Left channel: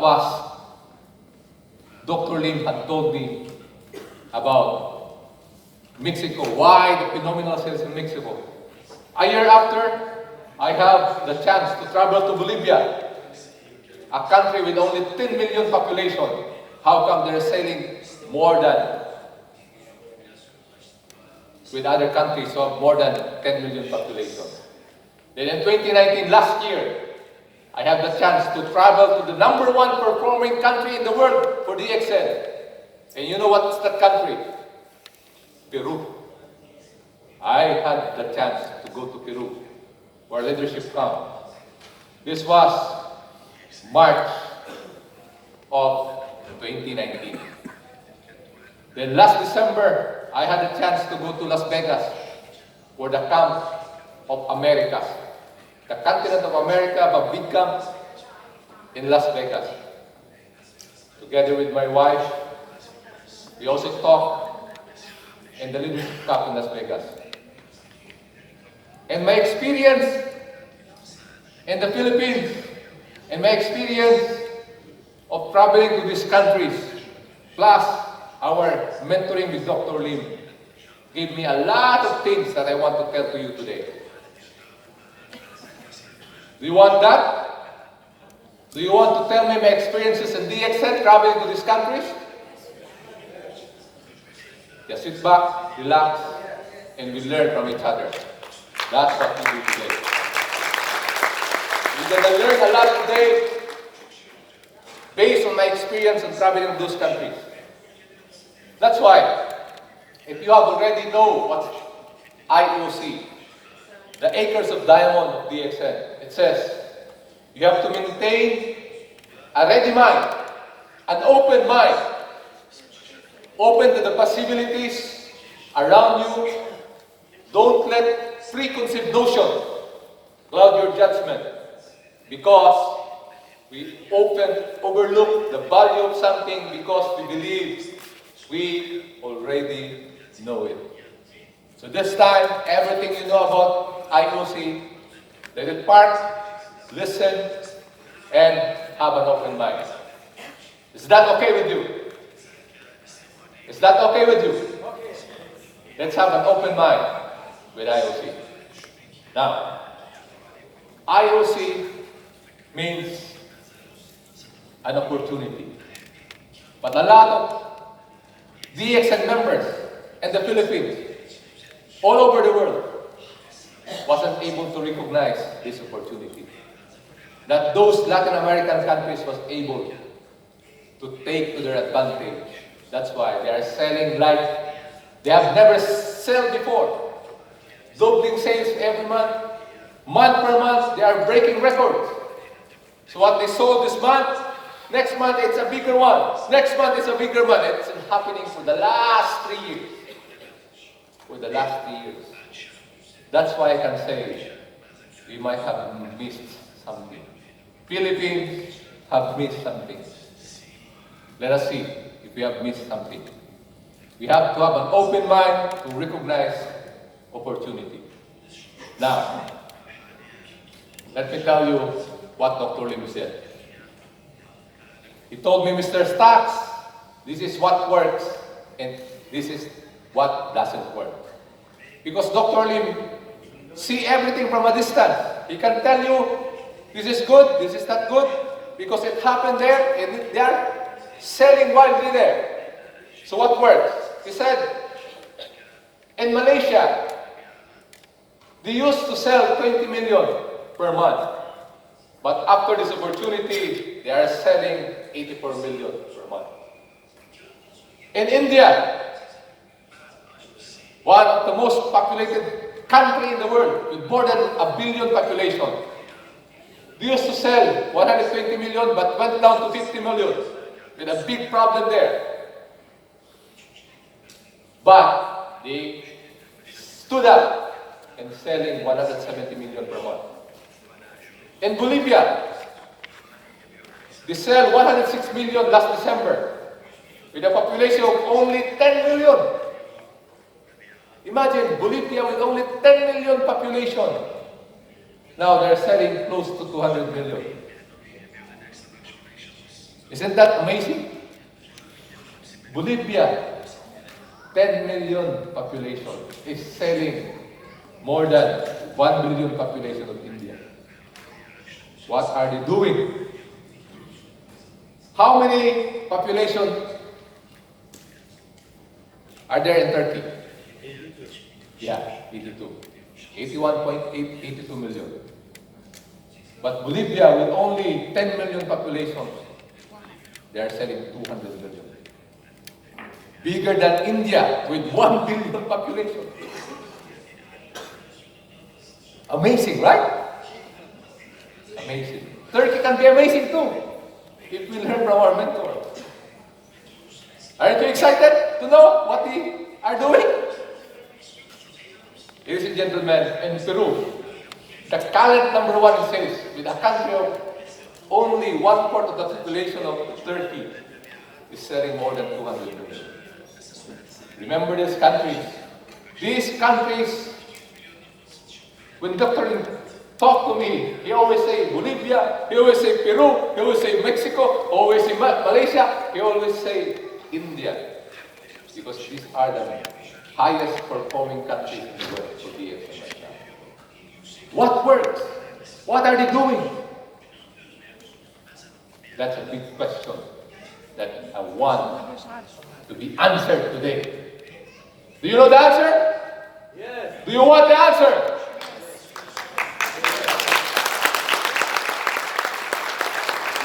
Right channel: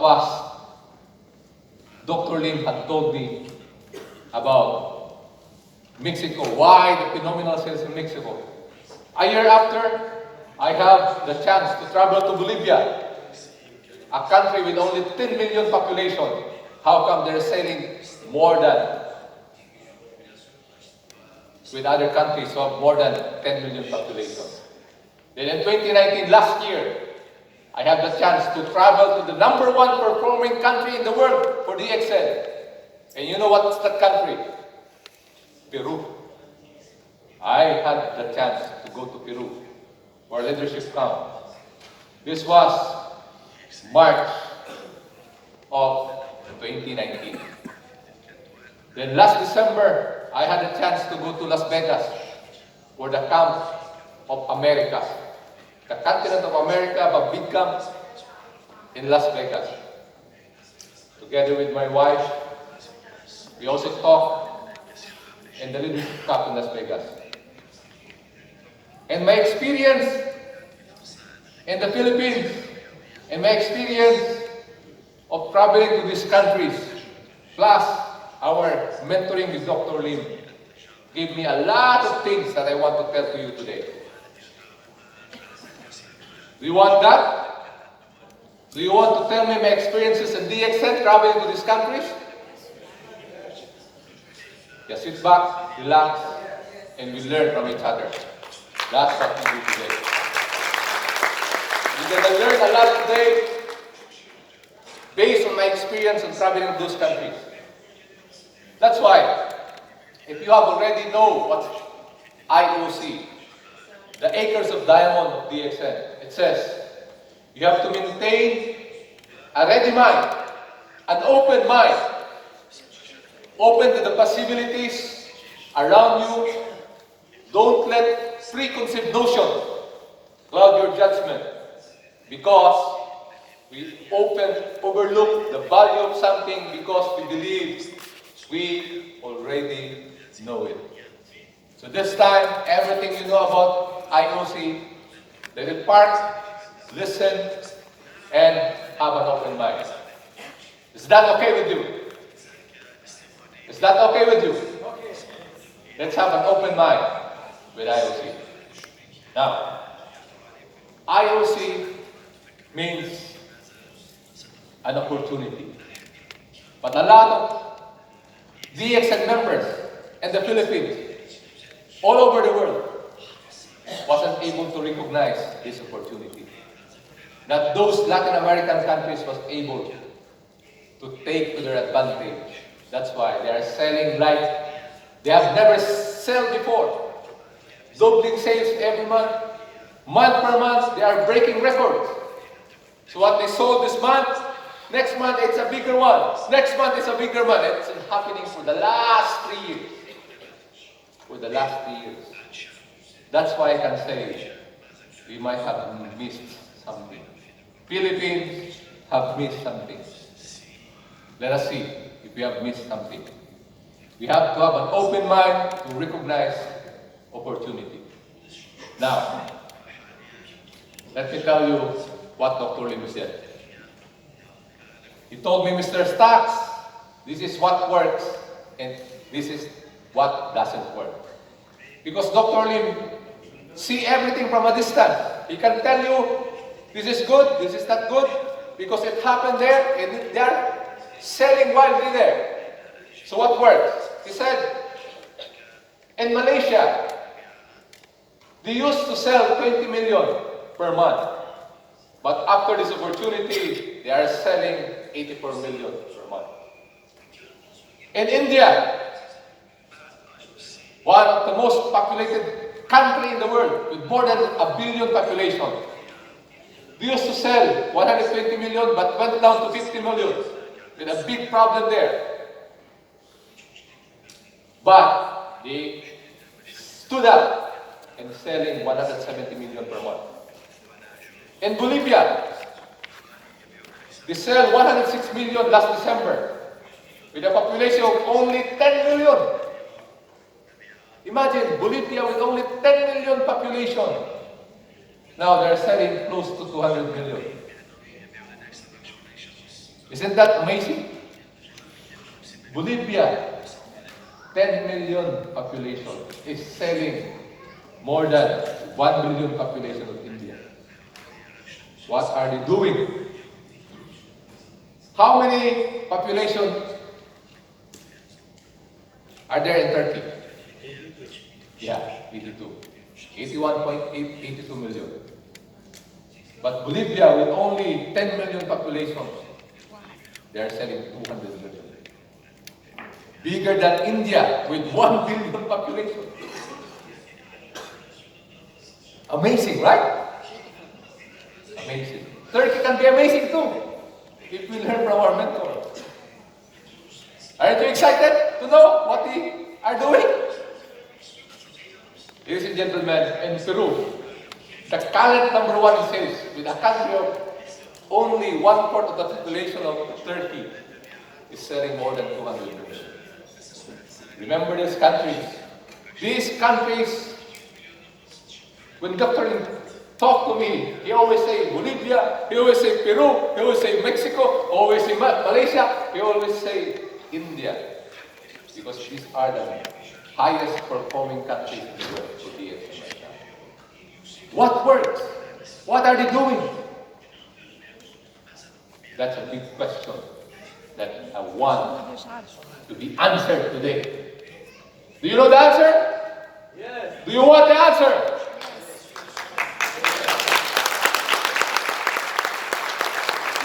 was Dr. Lim had told me about Mexico, why the phenomenal sales in Mexico. A year after, I have the chance to travel to Bolivia, a country with only 10 million population. How come they're selling more than with other countries of more than 10 million population? Then in 2019, last year, I had the chance to travel to the #1 performing country in the world for DXL. And you know what's that country? Peru. I had the chance to go to Peru, where leadership counts. This was March of 2019. Then last December, I had a chance to go to Las Vegas for the Camp of Americas. The continent of America, a big camp in Las Vegas. Together with my wife, we also talked in the leadership camp in Las Vegas. And my experience in the Philippines, and my experience of traveling to these countries, plus our mentoring with Dr. Lim, gave me a lot of things that I want to tell to you today. Do you want that? Do you want to tell me my experiences in DXN traveling to these countries? Just sit back, relax, and we learn from each other. That's what we do today. We're going to learn a lot today based on my experience in traveling to those countries. That's why, if you have already know what IOC, the Acres of Diamond DXN, it says, you have to maintain a ready mind, an open mind, open to the possibilities around you. Don't let preconceived notions cloud your judgment, because we often overlook the value of something because we believe we already know it. So this time, everything you know about IOC, let it park, listen, and have an open mind. Is that okay with you? Is that okay with you? Let's have an open mind with IOC. Now, IOC means an opportunity. But a lot of DXN members in the Philippines, all over the world, wasn't able to recognize this opportunity. That those Latin American countries was able to take to their advantage. That's why they are selling like they have never sold before. Doubling sales every month. Month per month, they are breaking records. So what they sold this month, next month it's a bigger one. Next month it's a bigger one. It's been happening for the last 3 years. For the last 3 years. That's why I can say we might have missed something. Philippines have missed something. Let us see if we have missed something. We have to have an open mind to recognize opportunity. Now, let me tell you what Dr. Lim said. He told me, Mr. Stax, this is what works and this is what doesn't work. Because Dr. Lim see everything from a distance. He can tell you, this is good, this is not good, because it happened there, and they are selling wildly there. So what works? He said, in Malaysia, they used to sell 20 million per month. But after this opportunity, they are selling 84 million per month. In India, one of the most populated country in the world, with more than 1 billion population. They used to sell 120 million, but went down to 50 million, with a big problem there. But they stood up and selling 170 million per month. In Bolivia, they sell 106 million last December, with a population of only 10 million. Imagine Bolivia with only 10 million population. Now they're selling close to 200 million. Isn't that amazing? Bolivia, 10 million population, is selling more than 1 billion population of India. What are they doing? How many population are there in Turkey? Yeah, 82. 81.8, 82 million. But Bolivia, with only 10 million population, they are selling 200 million. Bigger than India with 1 billion population. Amazing, right? Amazing. Turkey can be amazing too, if we learn from our mentor. Aren't you excited to know what we are doing? Ladies and gentlemen, in Peru, the current number one in sales, with a country of only 1/4 of the population of Turkey, is selling more than 200 million. Remember these countries. These countries, when Dr. talk to me, he always say Bolivia, he always say Peru, he always say Mexico, always say Malaysia, he always say India. Because these are the highest performing countries in the world for DXM right now. What works? What are they doing? That's a big question that I want to be answered today. Do you know the answer? Yes. Do you want the answer?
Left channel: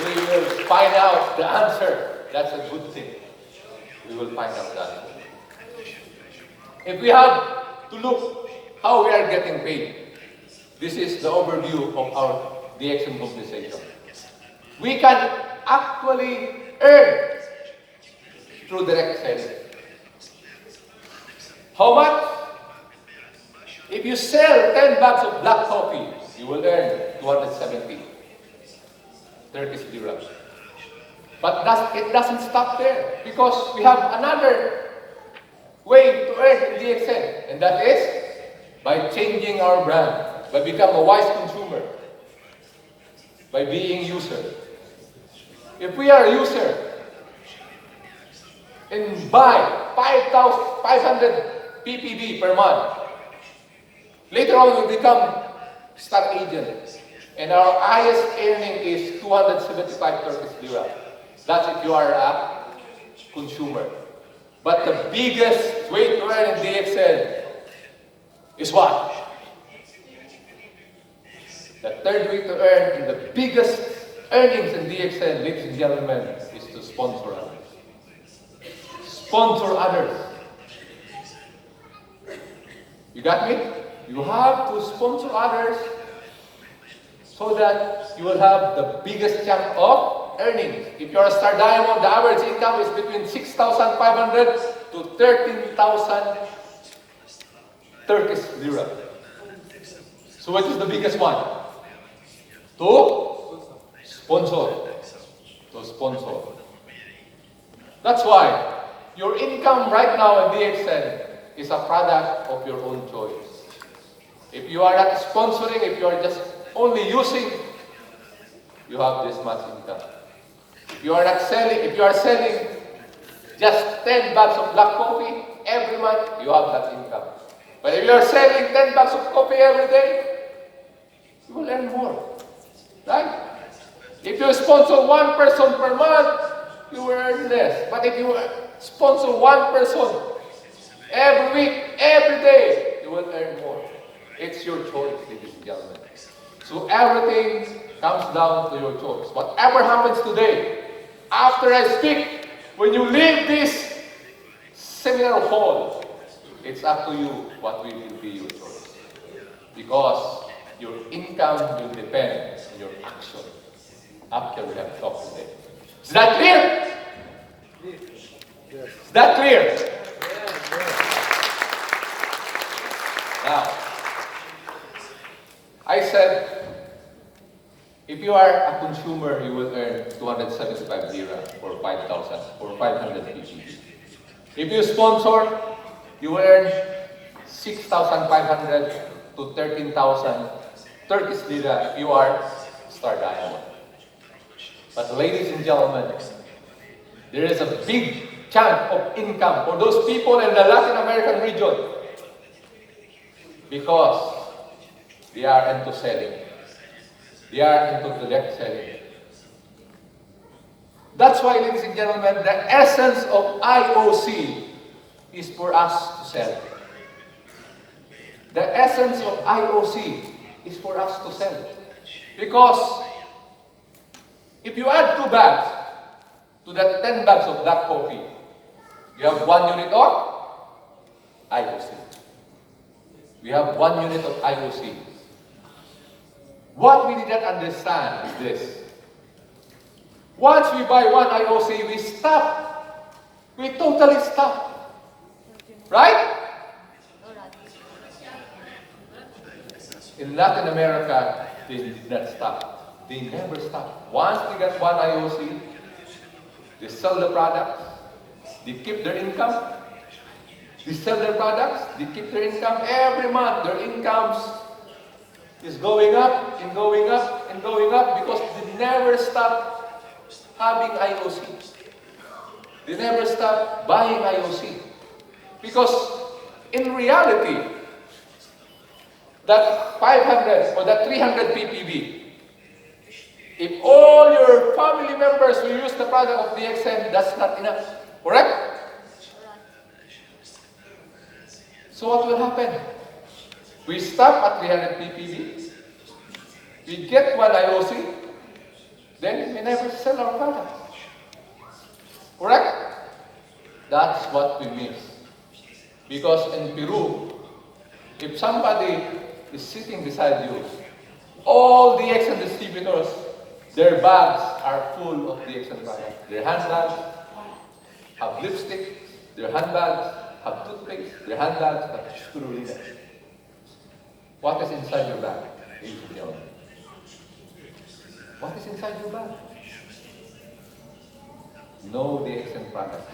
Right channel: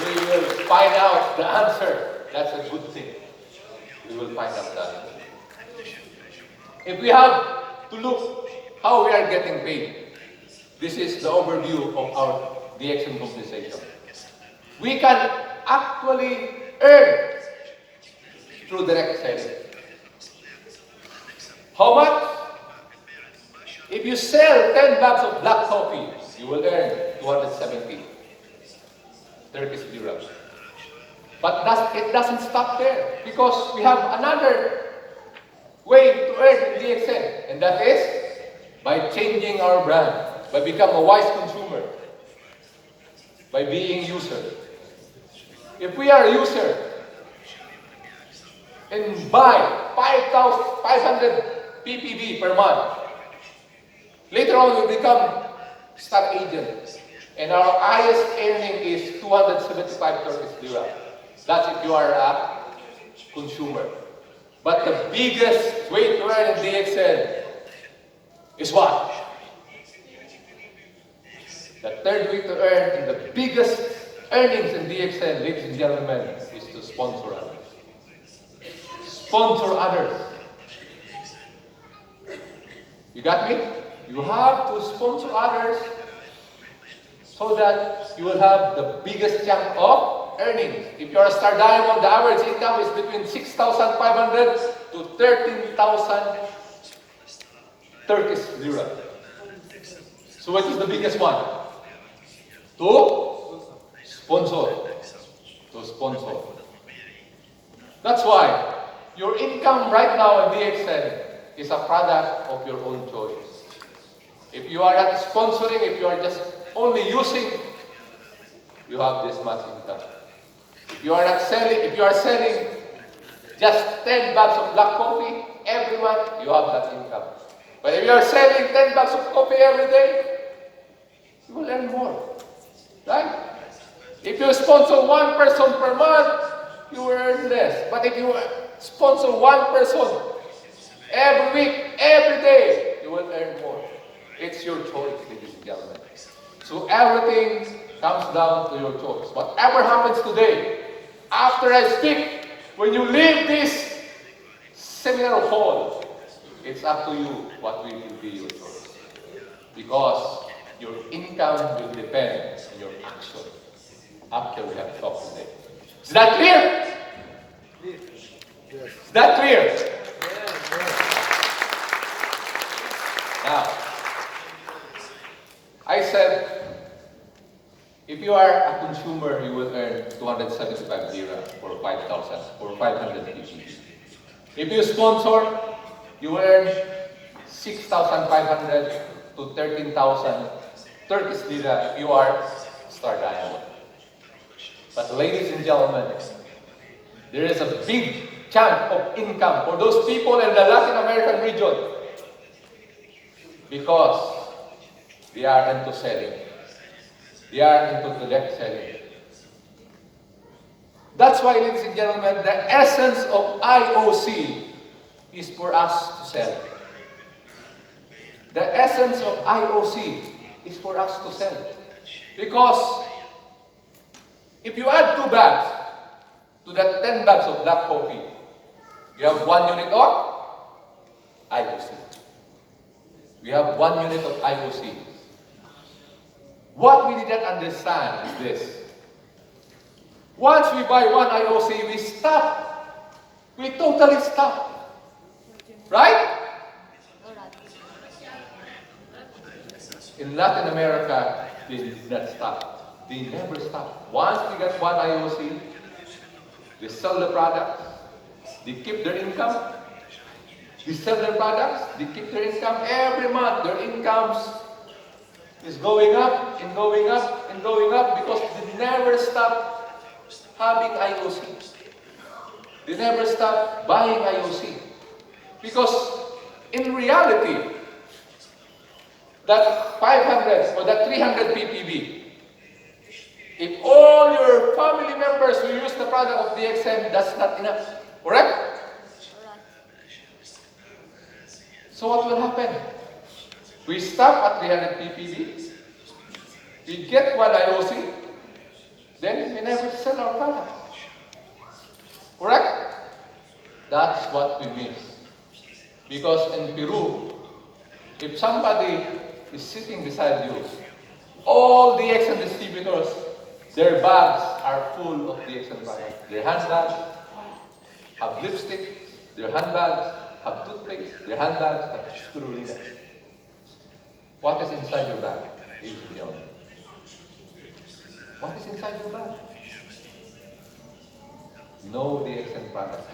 We will find out the answer. That's a good thing. We will find out the answer. If we have to look how we are getting paid, this is the overview of our DXM compensation. We can actually earn through direct selling. How much? If you sell 10 bags of black coffee, you will earn 270 Turkish lira. But it doesn't stop there, because we have another way to earn in DXN, and that is by changing our brand, by becoming a wise consumer, by being user. If we are a user and buy 500 PPB per month, later on we become star agent, and our highest earning is 275 Turkish lira. That's if you are a consumer. But the biggest way to earn in DXL is what? The third way to earn, and the biggest earnings in DXL, ladies and gentlemen, is to sponsor others. Sponsor others. You got me? You have to sponsor others so that you will have the biggest chunk of earnings. If you are a star diamond, the average income is between 6,500 to 13,000 Turkish lira. So what is the biggest one? To sponsor. To sponsor. That's why your income right now in DXN is a product of your own choice. If you are not sponsoring, if you are just only using, you have this much income. If you are not selling, if you are selling just 10 bags of black coffee every month, you have that income. But if you are selling 10 bags of coffee every day, you will earn more. Right? If you sponsor one person per month, you will earn less. But if you sponsor one person every week, every day, you will earn more. It's your choice, ladies and gentlemen. So everything comes down to your choice. Whatever happens today, after I speak, when you leave this seminar hall, it's up to you what will be your choice. Because your income will depend on your action after we have talked today. Is that clear? Is that clear? Now, I said, if you are a consumer, you will earn 275 lira for 5,000 or 500 PPB. If you sponsor, you will earn 6,500 to 13,000 Turkish lira if you are star diamond. But ladies and gentlemen, there is a big chunk of income for those people in the Latin American region because they are into selling. They are into direct selling. That's why, ladies and gentlemen, the essence of IOC is for us to sell. The essence of IOC is for us to sell. Because if you add 2 bags to the 10 bags of black coffee, you have 1 unit of IOC. We have 1 unit of IOC. What we did not understand is this. Once we buy 1 IOC, we stop. We totally stop. Right? In Latin America, they did not stop. They never stop. Once we get 1 IOC, they sell the products, they keep their income, they sell their products, they keep their income. Every month, their incomes is going up and going up and going up because they never stop having IOC. They never stop buying IOC. Because in reality, that 500 or that 300 ppb, if all your family members will use the product of DXM, that's not enough. Correct? So what will happen? We stop at 300 ppb, we get 1 IOC, then we never sell our product. Correct? That's what we miss. Because in Peru, if somebody is sitting beside you, all DXM distributors, their bags are full of DXM products. Their handbags have lipstick, their handbags have toothpaste, their handbags have spirulina. What is inside your bag? What is inside your bag? No DXM products.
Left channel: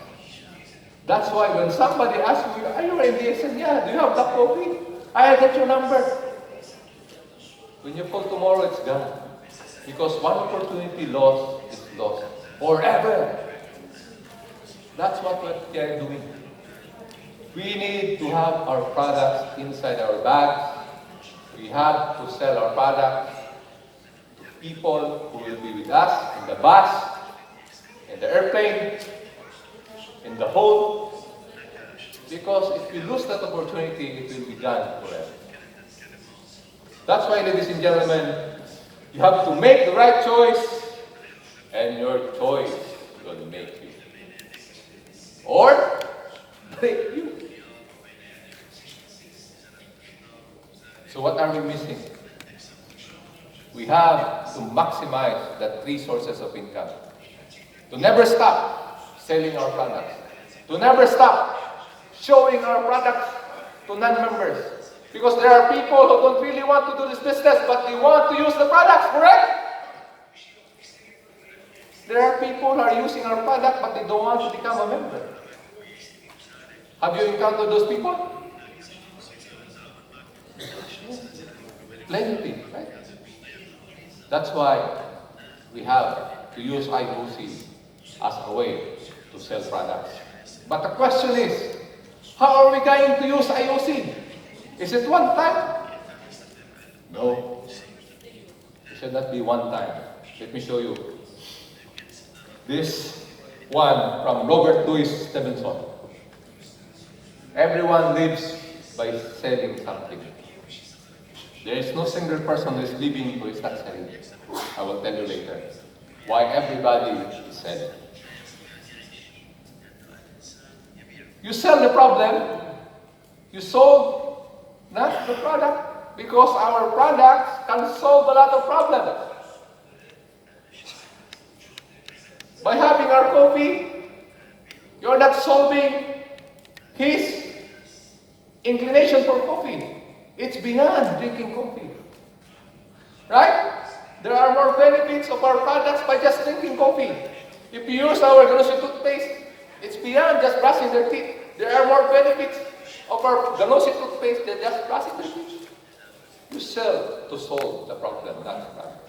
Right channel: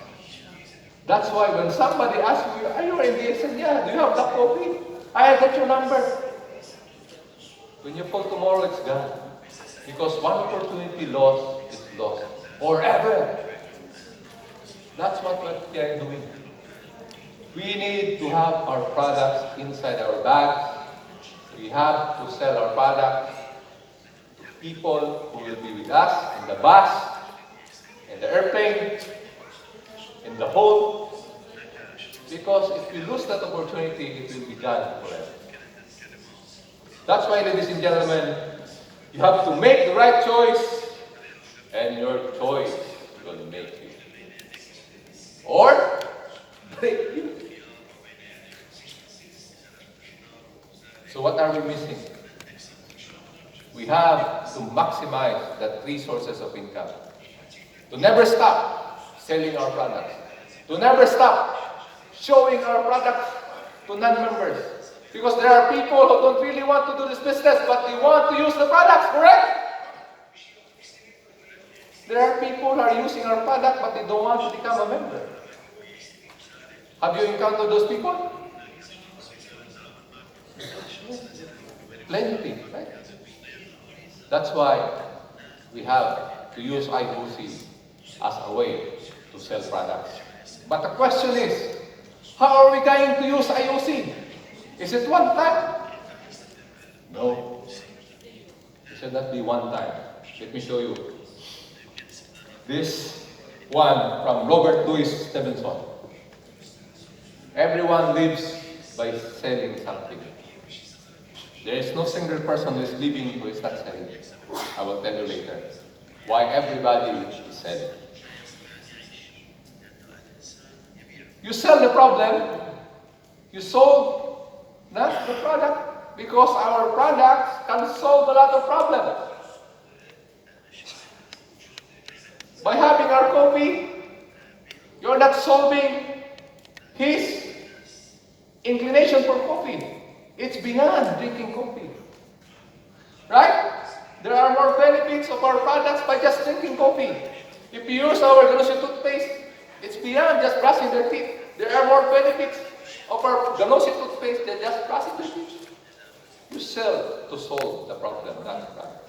That's why when somebody asks you, are you in DXM? Yeah, do you have black coffee? I get your number. When you call tomorrow, it's gone. Because one opportunity lost is lost forever. That's what we are doing. We need to have our products inside our bags. We have to sell our products to people who will be with us in the bus, in the airplane, in the home. Because if we lose that opportunity, it will be gone forever. That's why, ladies and gentlemen, you have to make the right choice, and your choice will make you. Or break you. So what are we missing? We have to maximize the 3 sources of income. To never stop selling our products. To never stop showing our products to non-members. Because there are people who don't really want to do this business, but they want to use the products, correct? There are people who are using our product, but they don't want to become a member. Have you encountered those people? Plenty, right? That's why we have to use IOC as a way to sell products. But the question is, how are we going to use IOC? Is it one time? No. It should not be one time. Let me show you. This one from Robert Louis Stevenson. Everyone lives by selling something. There is no single person who is living who is not selling. I will tell you later why everybody is selling. You sell the problem, you solve not the product, because our products can solve a lot of problems. By having our coffee, you're not solving his inclination for coffee. It's beyond drinking coffee. Right? There are more benefits of our products by just drinking coffee. If you use our grocery toothpaste, it's beyond just brushing their teeth. There are more benefits of our Ganosi toothpaste than just brushing their teeth. You sell to solve the problem, not the problem.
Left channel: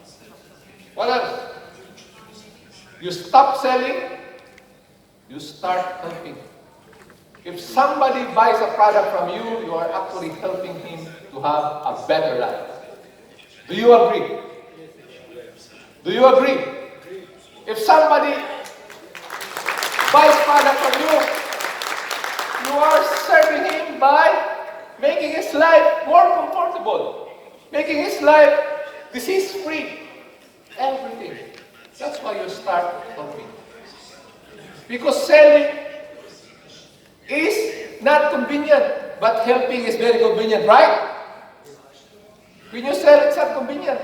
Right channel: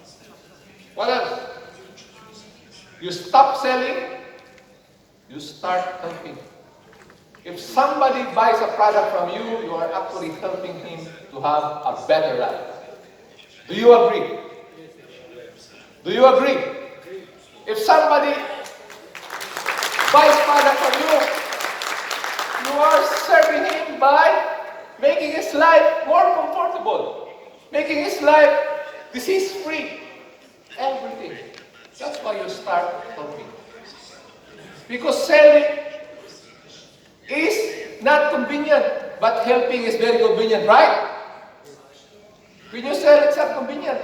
What else? You stop selling, you start helping. If somebody buys a product from you, you are actually helping him to have a better life. Do you agree? Do you agree? If somebody buys product from you, you are serving him by making his life more comfortable, making his life disease-free, everything. That's why you start helping. Because selling is not convenient, but helping is very convenient, right? When you sell, it's not convenient.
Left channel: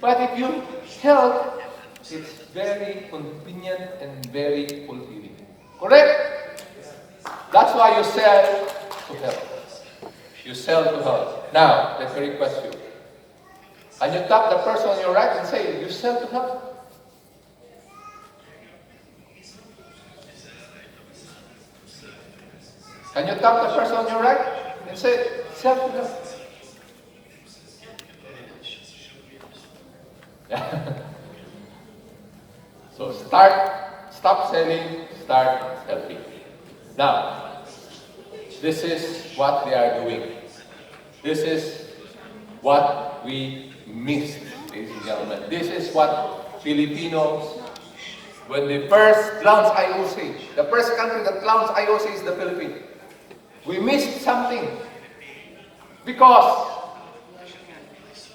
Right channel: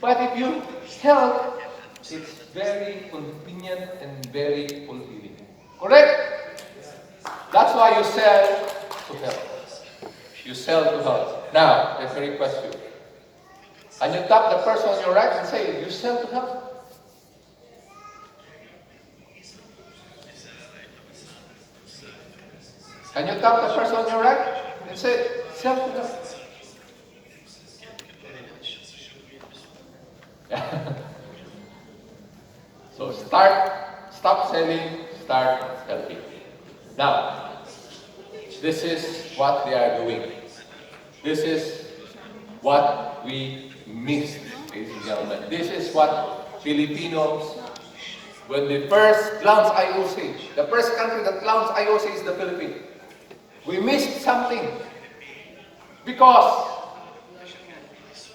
But if you help, it's very convenient and very fulfilling. Correct? That's why you sell to help. You sell to help. Now, let me request you. And you tap the person on your right and say, you sell to help. Can you tap the person on your right and say, sell to help? So stop selling, start helping. Now, this is what they are doing. This is what we missed, ladies and gentlemen. This is what Filipinos, when they first launched IOC, the first country that launched IOC is the Philippines. We missed something. Because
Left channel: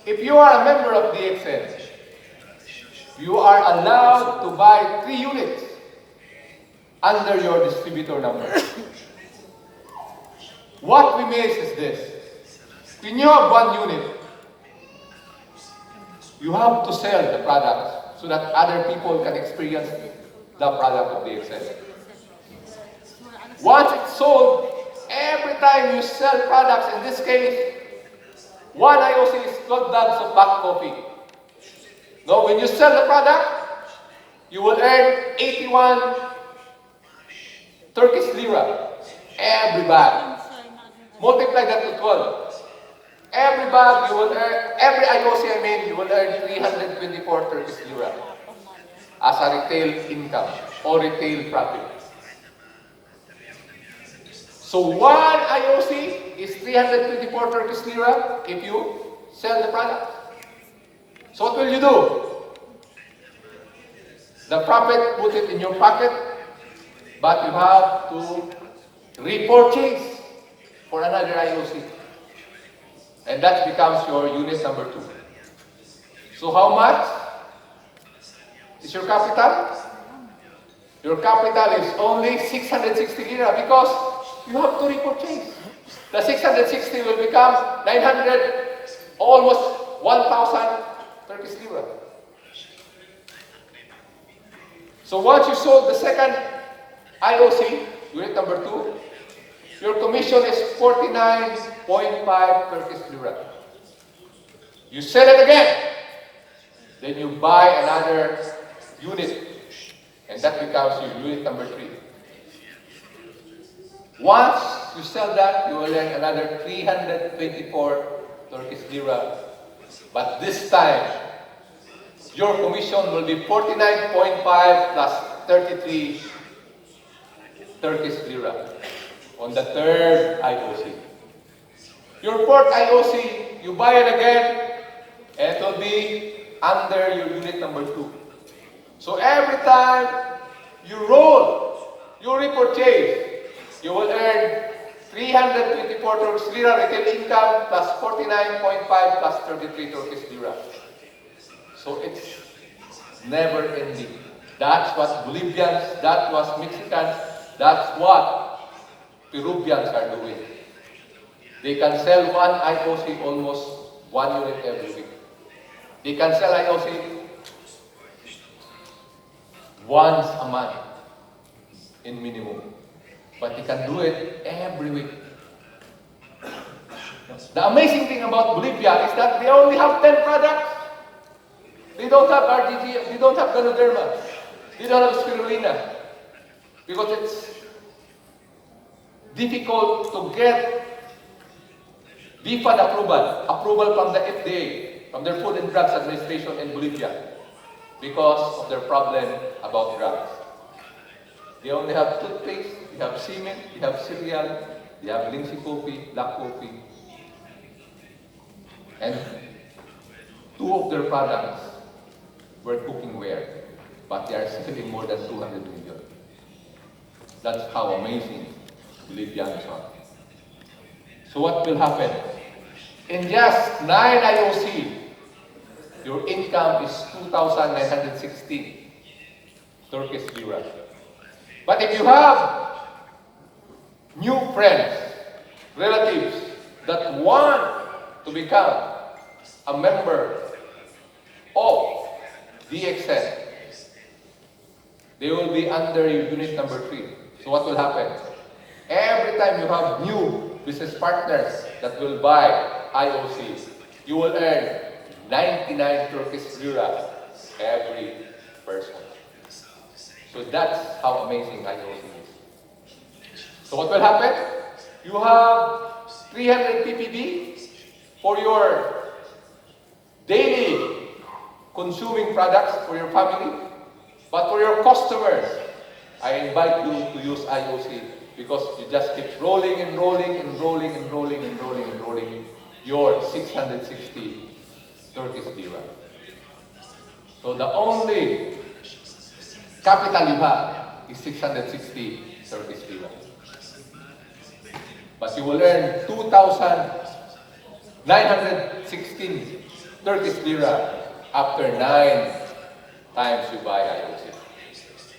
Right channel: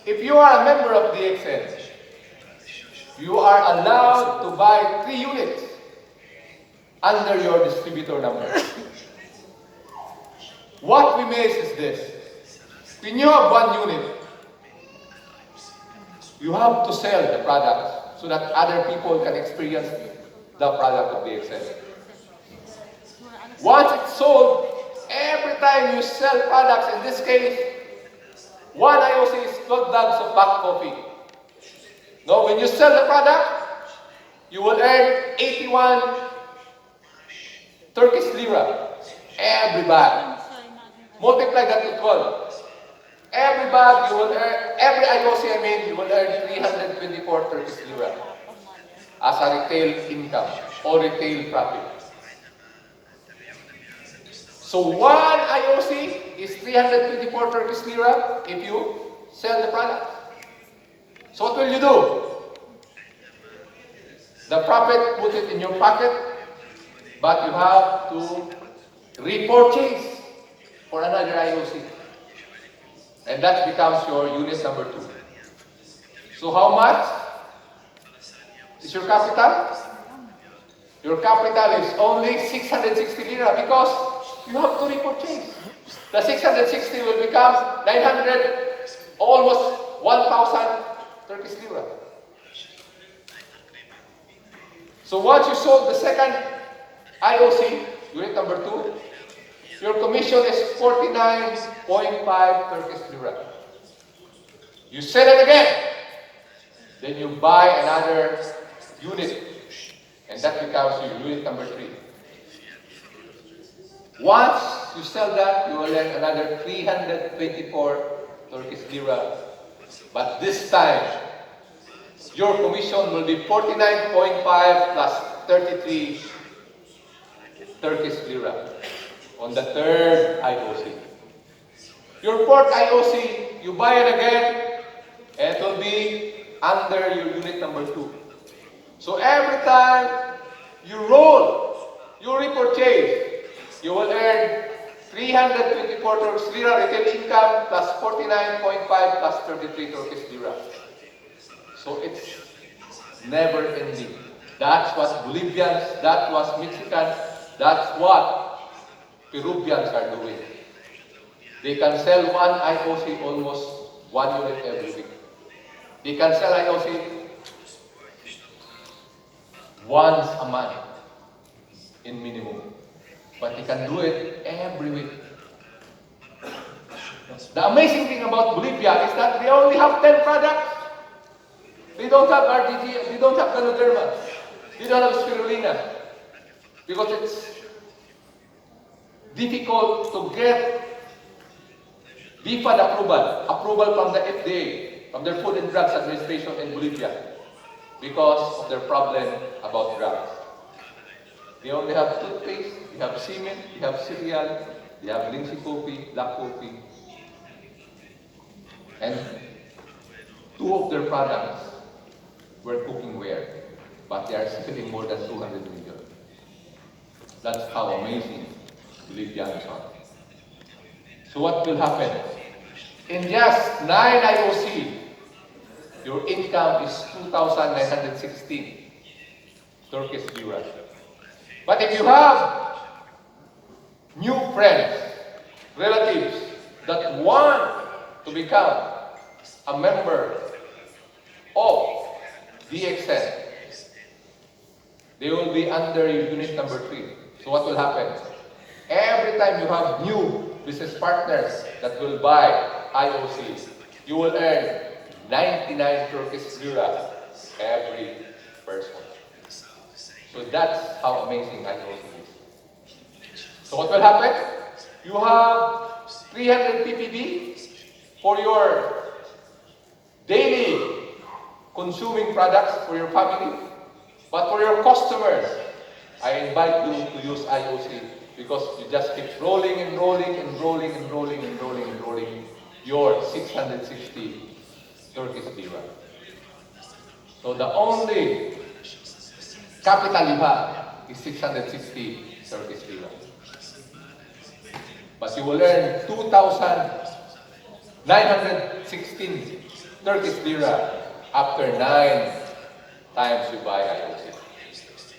if you are a member of DXN, you are allowed to buy 3 units under your distributor number. What we miss is this. When you have 1 unit, you have to sell the product so that other people can experience the product of DXN. Once it's sold, every time you sell products, in this case, 1 IOC is closed down to pack coffee. Now, when you sell the product, you will earn 81 Turkish lira every bag. Multiply that to 12. Every bag you will earn, every IOC you will earn 324 Turkish lira as a retail income or retail profit. So 1 IOC is 324 Turkish lira if you sell the product. So what will you do? The profit, put it in your pocket, but you have to repurchase for another IOC. And that becomes your unit number 2. So how much is your capital? Your capital is only 660 lira because you have to repurchase. The 660 will become 900, almost 1,000 Turkish lira. So once you sold the second IOC, unit number 2, your commission is 49.5 Turkish lira. You sell it again, then you buy another unit, and that becomes your unit number 3. Once you sell that, you will earn another 324 Turkish lira. But this time, your commission will be 49.5 plus 33 Turkish lira on the third IOC. Your fourth IOC, you buy it again, and it will be under your unit number 2. So every time you roll, you repurchase, you will earn 324 Turkish lira retail income plus 49.5 plus 33 Turkish lira. So it's never ending. That's what Bolivians, that was Mexicans, that's what Peruvians are doing. They can sell 1 IOC almost 1 unit every week. They can sell IOC once a month in minimum. But they can do it every week. The amazing thing about Bolivia is that they only have 10 products. They don't have RGG, they don't have Ganoderma, they don't have Spirulina. Because it's difficult to get BFAD approval from the FDA, from the Food and Drugs Administration in Bolivia. because of their problem about drugs. They only have toothpaste, they have cement, they have cereal, they have Lindsay coffee, black coffee. And two of their products were cookware, but they are selling more than 200 million. That's how amazing Libyans are. So what will happen? In just 9 IOC, your income is 2,960 Turkish lira. But if you have new friends, relatives that want to become a member of DXN, they will be under unit number 3. So what will happen? Every time you have new business partners that will buy IOC, you will earn 99 Turkish lira every person. So that's how amazing IOC is. So what will happen? You have 300 ppb for your daily consuming products for your family. But for your customers, I invite you to use IOC because you just keep rolling and rolling and rolling and rolling and rolling and rolling your 660 Turkish lira. So the only capital you have is 660 Turkish lira. But you will earn 2,916 Turkish lira after 9 times you buy IOC.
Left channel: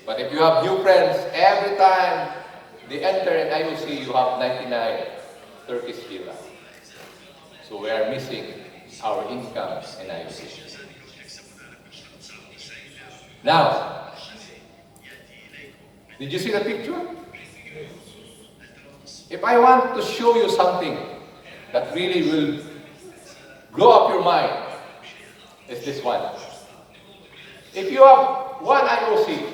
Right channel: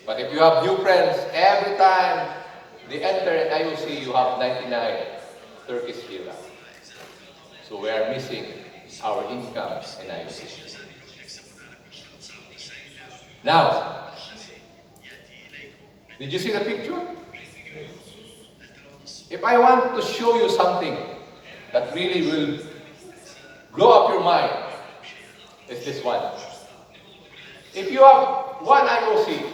But if you have new friends, every time they enter an IOC, you have 99 Turkish lira. So we are missing our income in IOC. Now, did you see the picture? If I want to show you something that really will blow up your mind, it's this one. If you have one IOC,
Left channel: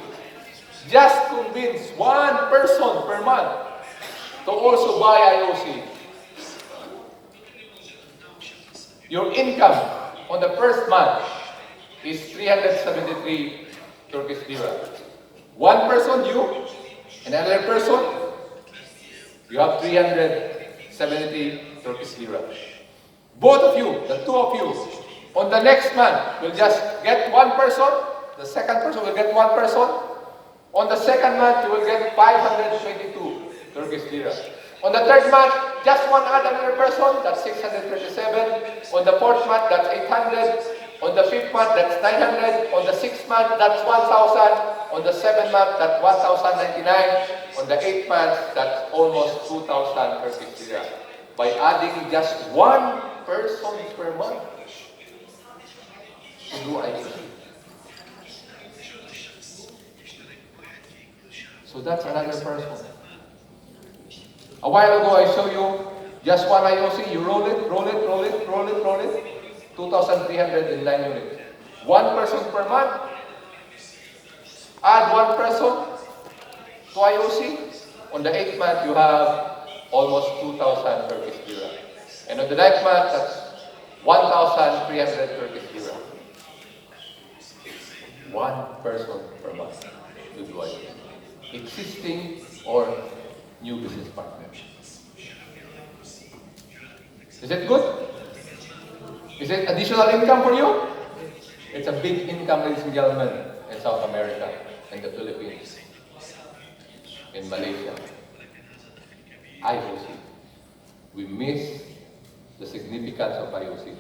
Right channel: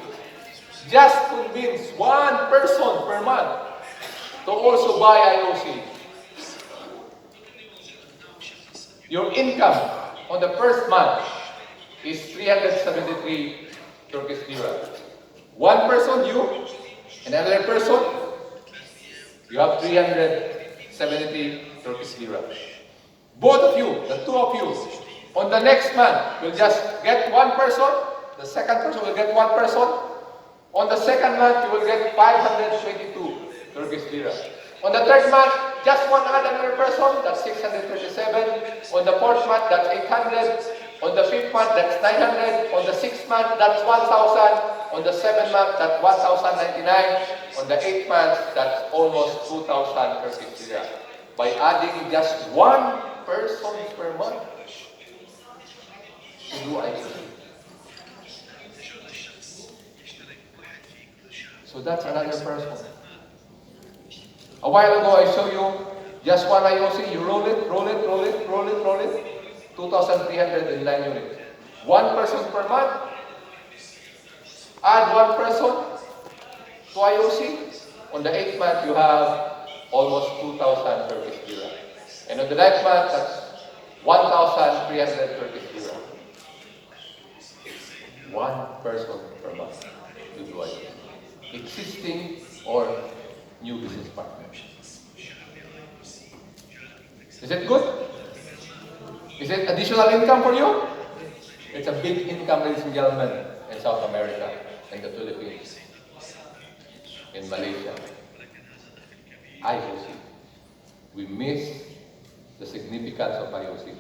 just convince one person per month to also buy IOC. Your income on the first month is 373 Turkish lira. One person, you, another person, you have 370 Turkish lira. Both of you, the two of you, on the next month, will just get one person, the second person will get one person. On the second month, you will get 522 Turkish lira. On the third month, just one another person, that's 637. On the fourth month, that's 800. On the fifth month, that's 900. On the sixth month, that's 1,000. On the seventh month, that's 1,099. On the eighth month, that's almost 2,000 Turkish lira. By adding just one person per month to do ICT. So that's another person. A while ago, I showed you just one IOC. You roll it, roll it, roll it, roll it, roll it. 2,309 units. One person per month. Add one person to IOC. On the 8th month, you have almost 2,000 Turkish lira. And on the 9th month, that's 1,300 Turkish lira. One person per month to do IOC. Existing or new business partners. Is it good? Is it additional income for you? It's a big income, ladies and gentlemen, in South America, in the Philippines, in Malaysia. IOC. We miss the significance of IOC.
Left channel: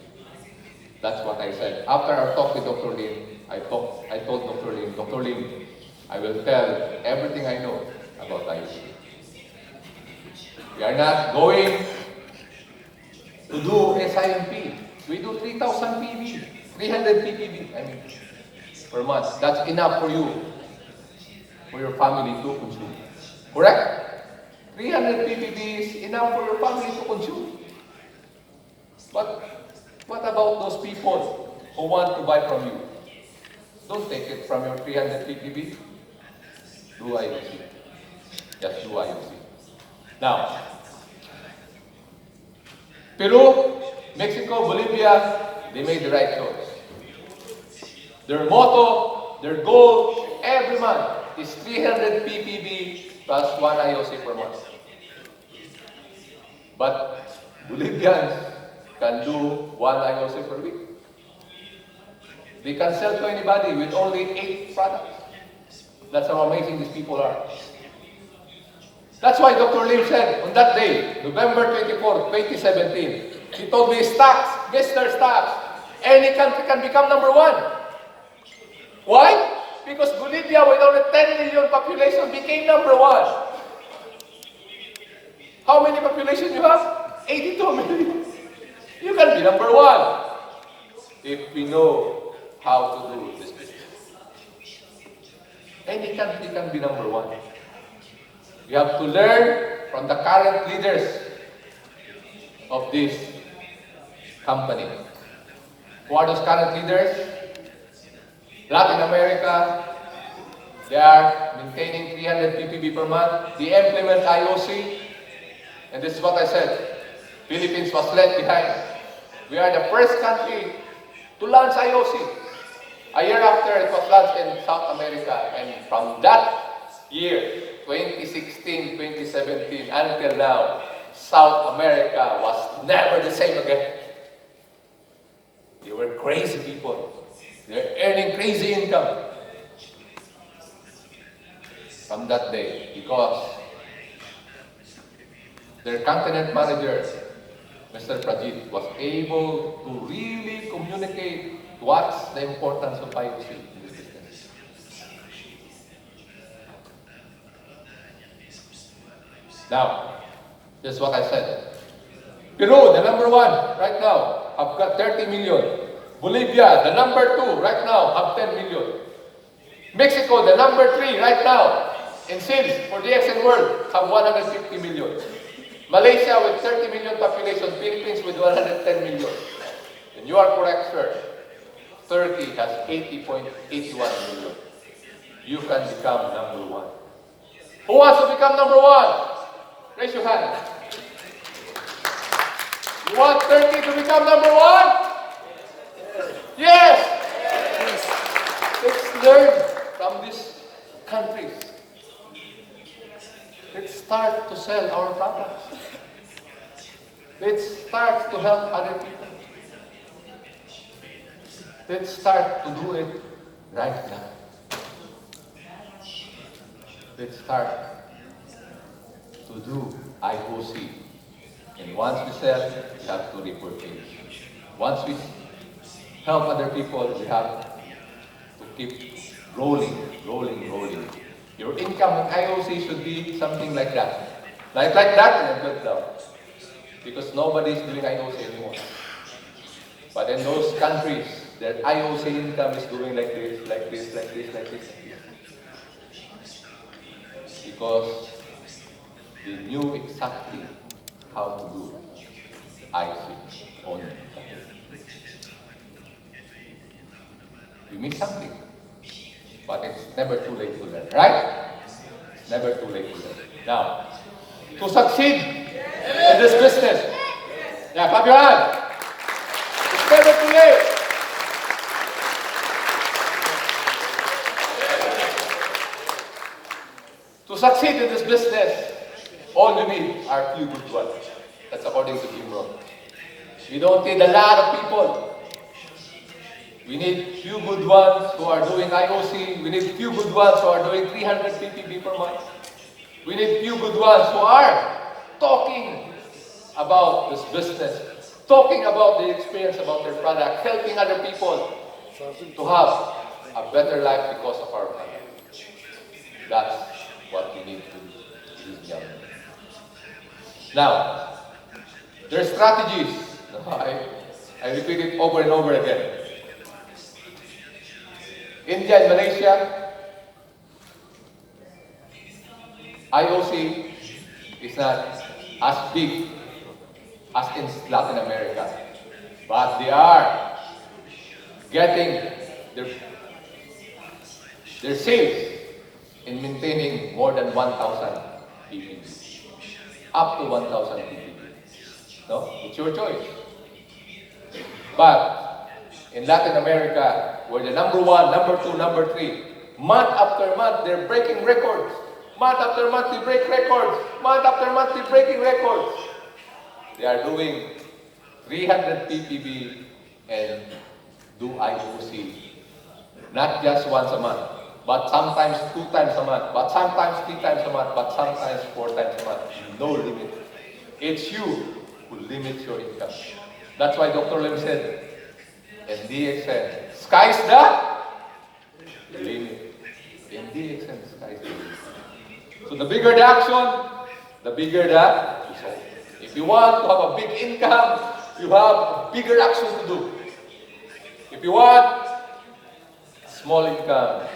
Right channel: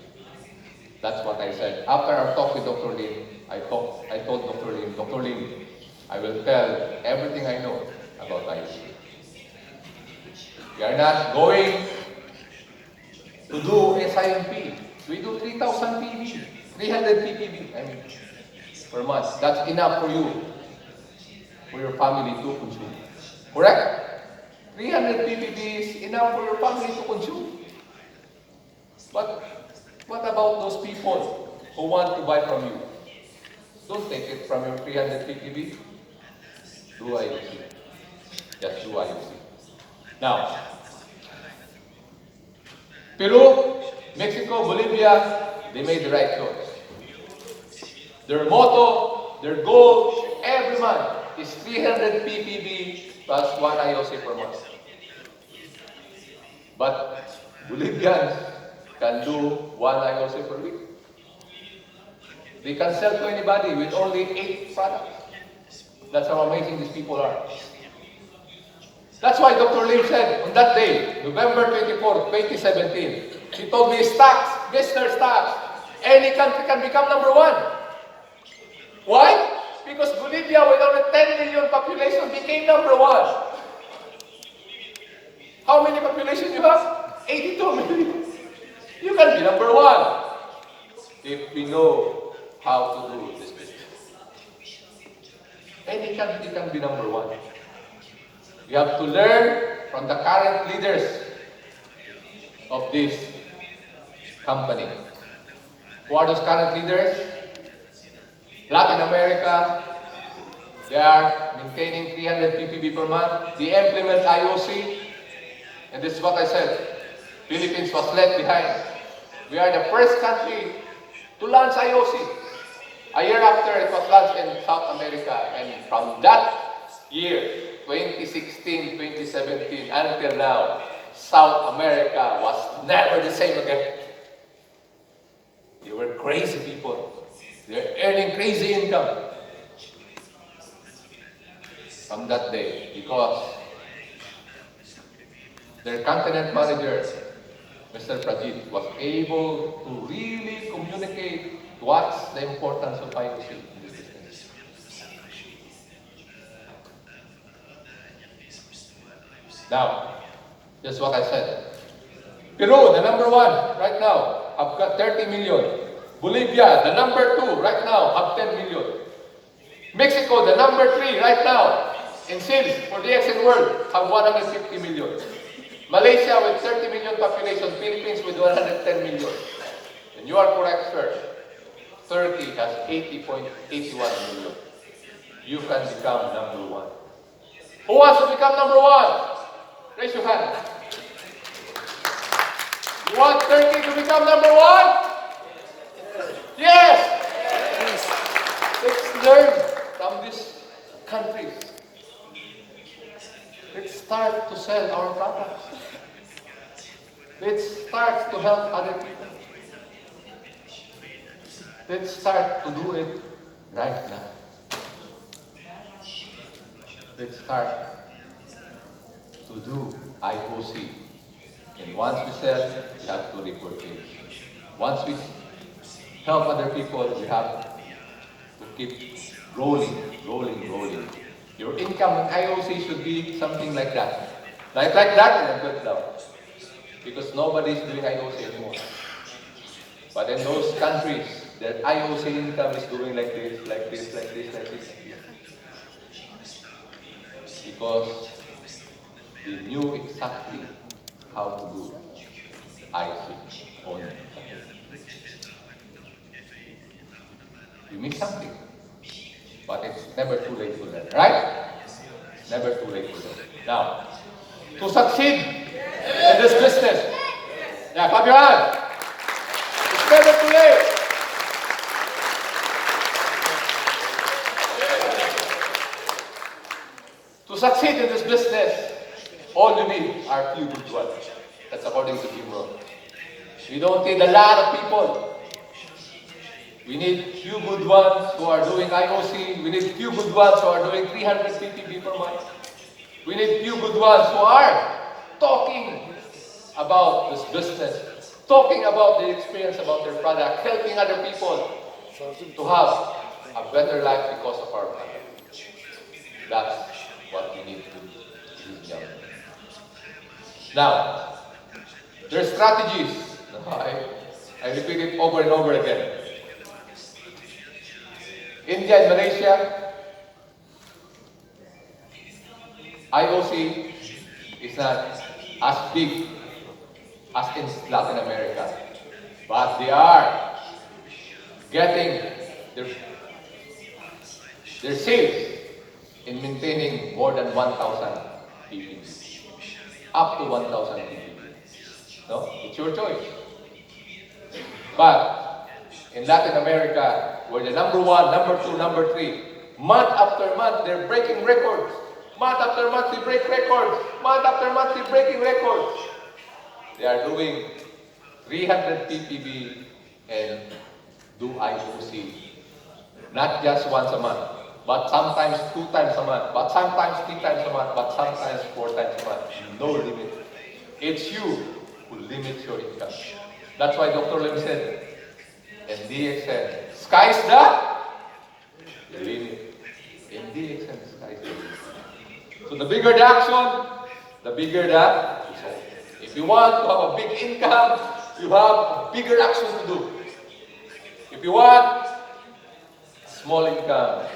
That's what I said. After our talk with Dr. Lim, I told Dr. Lim, I will tell everything I know about IOC. We are not going to do SIMP. We do 3,000 PB, 300 ppb, per month. That's enough for you, for your family to consume. Correct? 300 ppb is enough for your family to consume. But what about those people who want to buy from you? Don't take it from your 300 ppb. Do IOC. Just do IOC. Now, Peru, Mexico, Bolivia, they made the right choice. Their motto Their goal every month is 300 ppb plus 1 IOC per month. But Bolivians can do 1 IOC per week. They can sell to anybody with only 8 products. That's how amazing these people are. That's why Dr. Lim said on that day, November 24, 2017, he told me, Stax, Mr. Stax, any country can become number 1. Why? Because Bolivia, with only 10 million population, became number 1. How many population you have? 82 million. You can be number 1 if we know how to do this business. Any country can be number 1. We have to learn from the current leaders of this company. Who are those current leaders? Latin America, they are maintaining 300 ppb per month. They implement IOC, and this is what I said. Philippines was left behind. We are the first country to launch IOC. A year after, it was launched in South America, and from that year, 2016, 2017, until now, South America was never the same again. They were crazy people. They're earning crazy income from that day because their continent manager, Mr. Prajit, was able to really communicate what's the importance of IOC in this business. Now, this is what I said. Peru, the number 1 right now, have got 30 million. Bolivia, the number 2 right now, have 10 million. Mexico, the number 3 right now, in sales for the Icing world, have 150 million. Malaysia with 30 million population, Philippines with 110 million. And you are correct, sir. Turkey has 80.81 million. You can become number 1. Who wants to become number 1? Raise your hand. You want Turkey to become number 1? Yes! Let's learn from these countries. Let's start to sell our products. Let's start to help other people. Let's start to do it right now. Let's start to do IOC. And once we sell, we have to report it. Once we help other people, we have to keep rolling. Your income in IOC should be something like that. Like that, and good down. Because nobody is doing IOC anymore. But in those countries, their IOC income is going like this. Because they knew exactly how to do icing on it. You miss something, but it's never too late to learn, right? It's never too late to learn. Now, to succeed in this business, clap your hand. It's never too late. To succeed in this business, all you need are few good ones. That's according to Jim Rohn. We don't need a lot of people. We need few good ones who are doing IOC. We need few good ones who are doing 350 people per month. We need few good ones who are talking about this business, talking about the experience about their product, helping other people to have a better life because of our product. That's what we need to do. Now, there are strategies. I repeat it over and over again. India and Malaysia, IOC is not as big as in Latin America, but they are getting their sales in maintaining more than 1,000 ppb, up to 1,000 ppb. No, it's your choice. But in Latin America, we're the number one, number two, number three. Month after month, they're breaking records. Month after month, they break records. Month after month, they're breaking records. They are doing 300 ppb and do IOC. Not just once a month, but sometimes 2 times a month, but sometimes 3 times a month, but sometimes 4 times a month. No limit. It's you who limits your income. That's why Dr. Lim said, MDXN, sky's the limit. MDXN, sky's the limit. So the bigger the action, the bigger the result. If you want to have a big income, you have bigger action to do. If you want small income,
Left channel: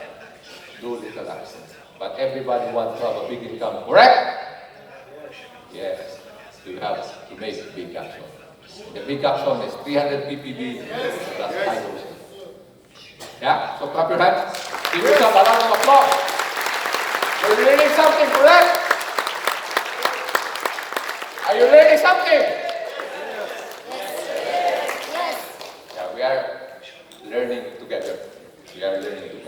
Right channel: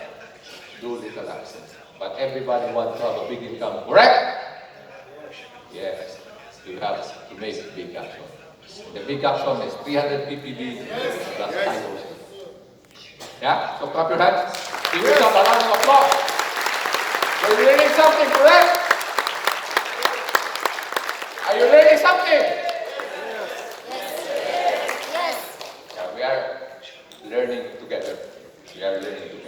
do little action. But everybody wants to have a big income, correct? Yes, you have to make big action. The big action is 300 ppb plus IOC. Yeah? So clap your hands. Give yourself a round of applause. You're learning something, correct? Are you learning something? Yeah, we are learning together. We are learning together.